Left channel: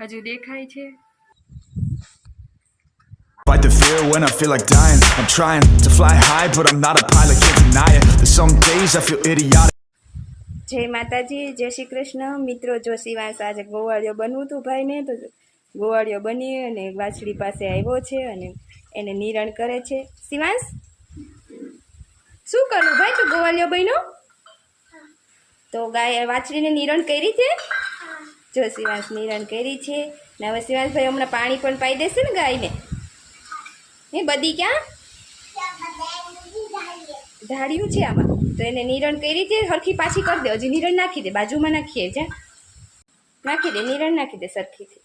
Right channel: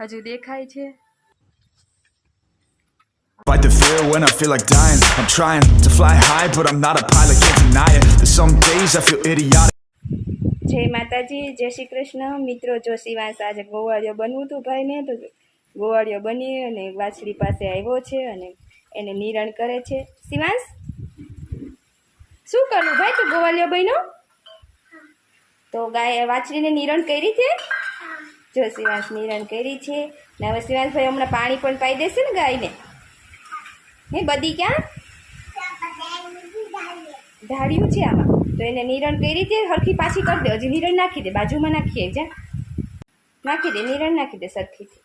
હજુ દેખાય છે. Fight the fear when I feel like dying. I'm trying to fly high, but I'm not a pilot, can't deny it. There's some days I feel idiotic. જય માતાજી, જય શ્રી કૃષ્ણ. મિત્રો, જો શિવાંશ આજે ગોવાળિયો બનવું હતું ભાઈને, તો ગોવાળિયો બની અને વાછડી પાસે આવ્યો છે અને એને નિરણ કરે છે. શિવાંશ, શું કરવું ભાઈ? તું ગોવાળિયો બન્યો તો ગાય વાછડીને નિરણ કરી છે. જો શિવાંશ નિરણ કરી છે ને હવે શિવાંશભાઈ હમણાં પાણી પણ પાઈ દેશે ને ગાયને. હે બધી ક્યાં ધાડ્યું છે આમાં, તો એને નિરણ કરી છે. સરખી પાછી કરી દે. હજી નિરણ નાખી દે, બાજુમાં નાખીએ. જા નાખી દે, નિરણ નાખી દે સરખીથી.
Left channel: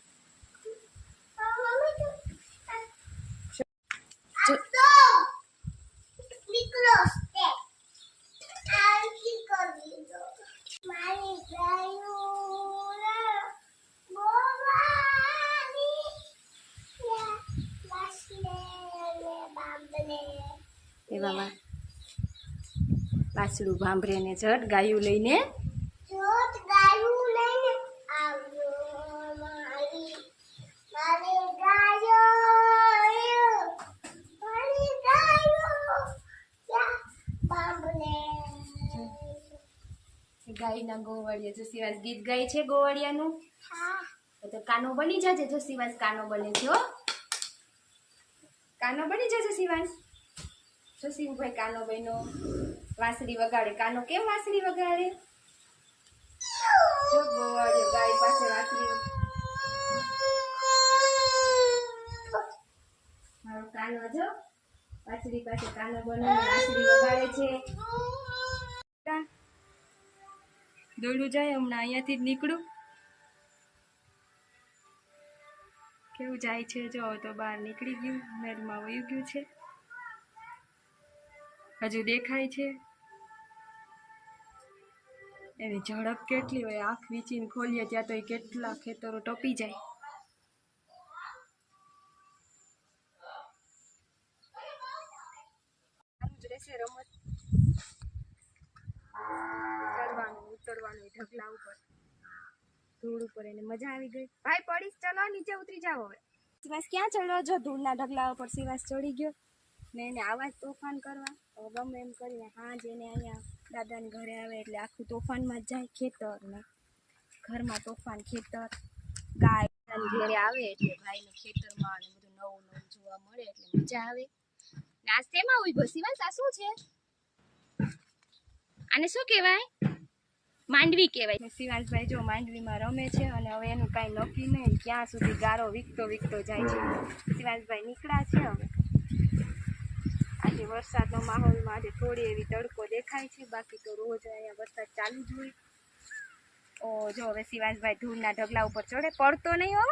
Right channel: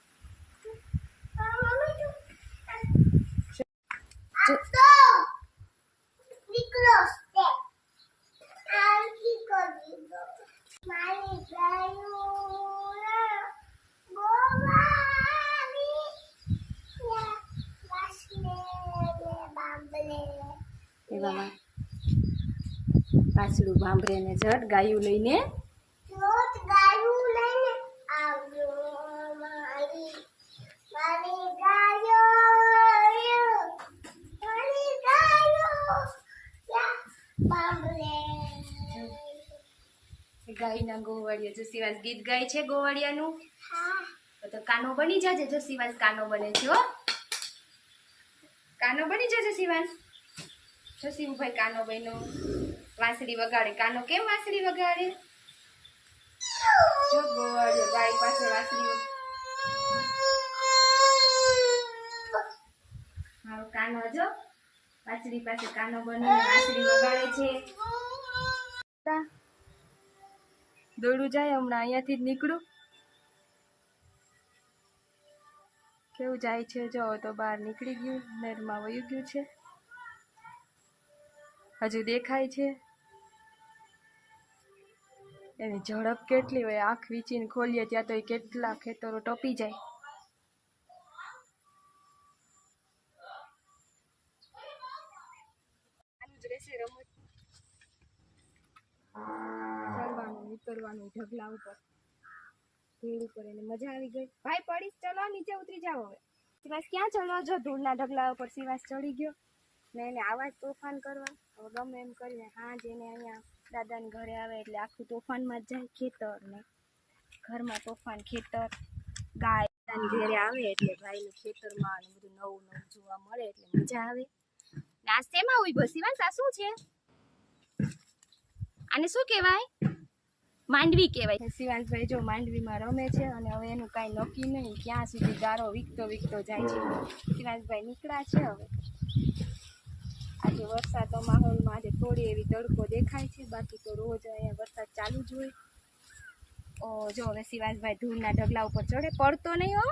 એવામાં પાછળું ભાંભરે ને જટ ગાયું લઈને ગાયના ગોવાળિયા. જો શિવાંશ ગીત ગાય છે ગોવાળિયાનું, તો કાનો બની જજે. જો શિવાંશ કાનો બને છે. હો, કાનો બની જજે શિવાંશ. જો શિવભાઈ કાનો બન્યો. વાંસળી વગાડે. કાનો કેમ વાંસળી વગાડે? જો ગોવાળિયો ગાય પાસે વાંસળી. મારો કાનો જો વાંસળી પાસે કાનો બને વાંસળી વગાડે છે. દોડું જાય હમણાં અહીંયાથી જ નીકળું. કેવું જાય છે જો, તો બહાર નીકળી ગયું, નેરમાં વયું ગયું છે. હજુ દેખાય છે. એની ઝડપ કેટલી હોય! આંખ વીંચીને ખોલીએ ત્યાં તો એ કેટલા ખેતરો ટપી જાય. રહેશે રમત, ચડવાનું ઉતરવાનું ઢગલા ઉપર, ધૂળ ઉપર. એને મજા આવી ગઈ. ભાઈ પડીશ, ચલો નીચે ઉતરી જાઓ. હવે શિવાંશ ક્યાં ચડ્યો? જો ધૂળના ઢગલા ઉપર શિવાંશ ચડી ગયો ને એને આવા જ તોફાન કરવા. હવે ગમે એમ કરીને હાજ એને અહીંયા દાદાને ઘરે આવે એટલે આખું તોફાનમાં જ જાય. ખેતર ને ઘરમાં તોફાન, ખેતર, ગાય ઘરે આવે એટલે ભાઈને ખેતરમાં અને બધું નવું નવું જોવા મળે એટલે મજા આવે. નાસ્તેમાં ઉભો શિવાંશ, આ શું છે? આને શું કહેવાય? માંડવી કહેવાય. શિવાંશભાઈ જો માંડવીમાં રમે છે અને હવે એનું કાંઈ નક્કી નહીં ક્યાં સુધી ગારો વીકતો જાય છે. શિવાંશભાઈ નીકળ્યા છે. હવે આજે વરસાદનો માહોલમાં આજે થોડી એવી તડકો દેખાય છે, બાકી તો રોજ અહીંયા વરસાદ ચાલુ જ હોય. જો હવે શિવાંશભાઈ ધૂળના ઢગલા ઉપર ચડે. પડતો નહીં હો,